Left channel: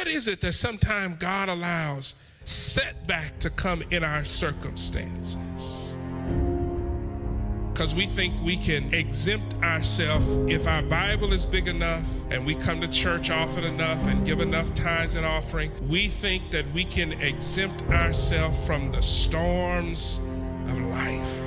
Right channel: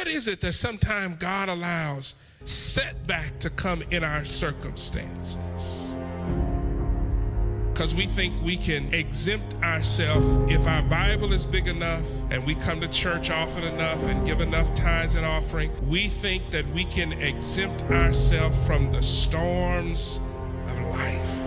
What is it that sometimes God allows setback to come in our circumstances? Because we think we can exempt ourselves if our Bible is big enough and we come to church often enough and give enough tithes and offering. We think that we can exempt ourselves from the storms of life.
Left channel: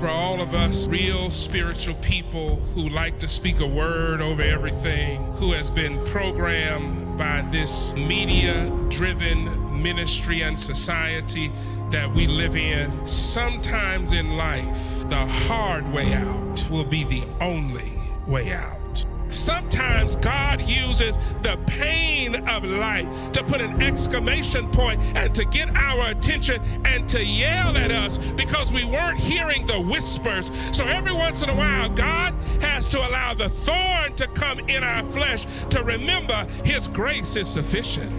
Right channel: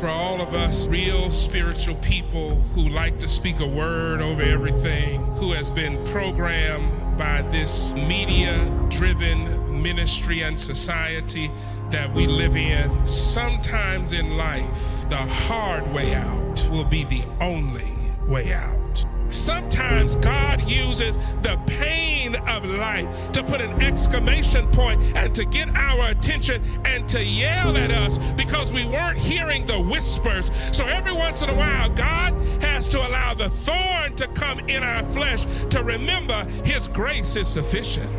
For all of us real spiritual people who like to speak a word over everything, who has been programmed by this media-driven ministry and society that we live in, sometimes in life, the hard way out will be the only way out. Sometimes God uses the pain of life to put an exclamation point and to get our attention and to yell at us because we weren't hearing the whispers. So every once in a while, God has to allow the thorn to come in our flesh to remember His grace is sufficient.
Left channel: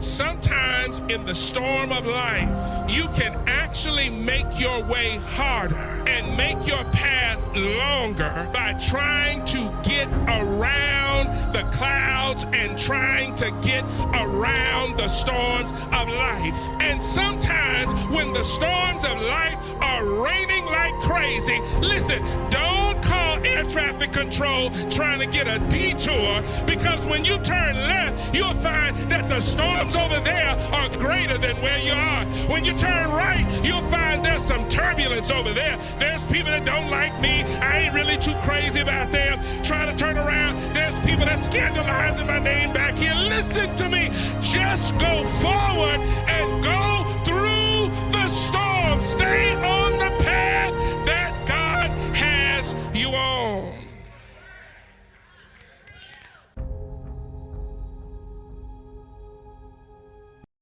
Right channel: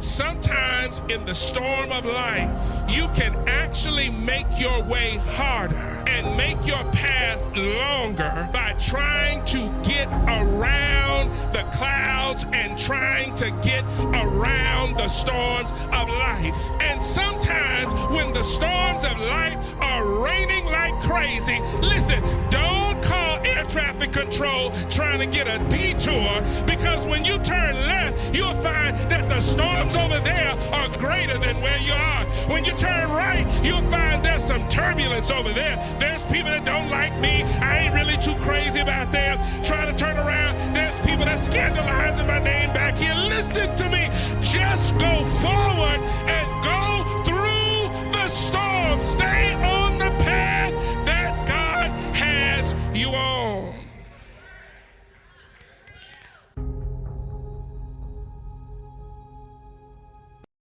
Sometimes in the storm of life, you can actually make your way harder and make your path longer by trying to get around the clouds and trying to get around the storms of life. And sometimes when the storms of life are raining like crazy, listen, don't call air traffic control trying to get a detour, because when you turn left, you'll find that the storms over there are greater than where you are. When you turn right, you'll find there's some turbulence over there. There's people that don't like me. I ain't really too crazy about them. Trying to turn around, there's people that scandalizing my name back here. Listen to me. Just go forward and go through the storm. Stay on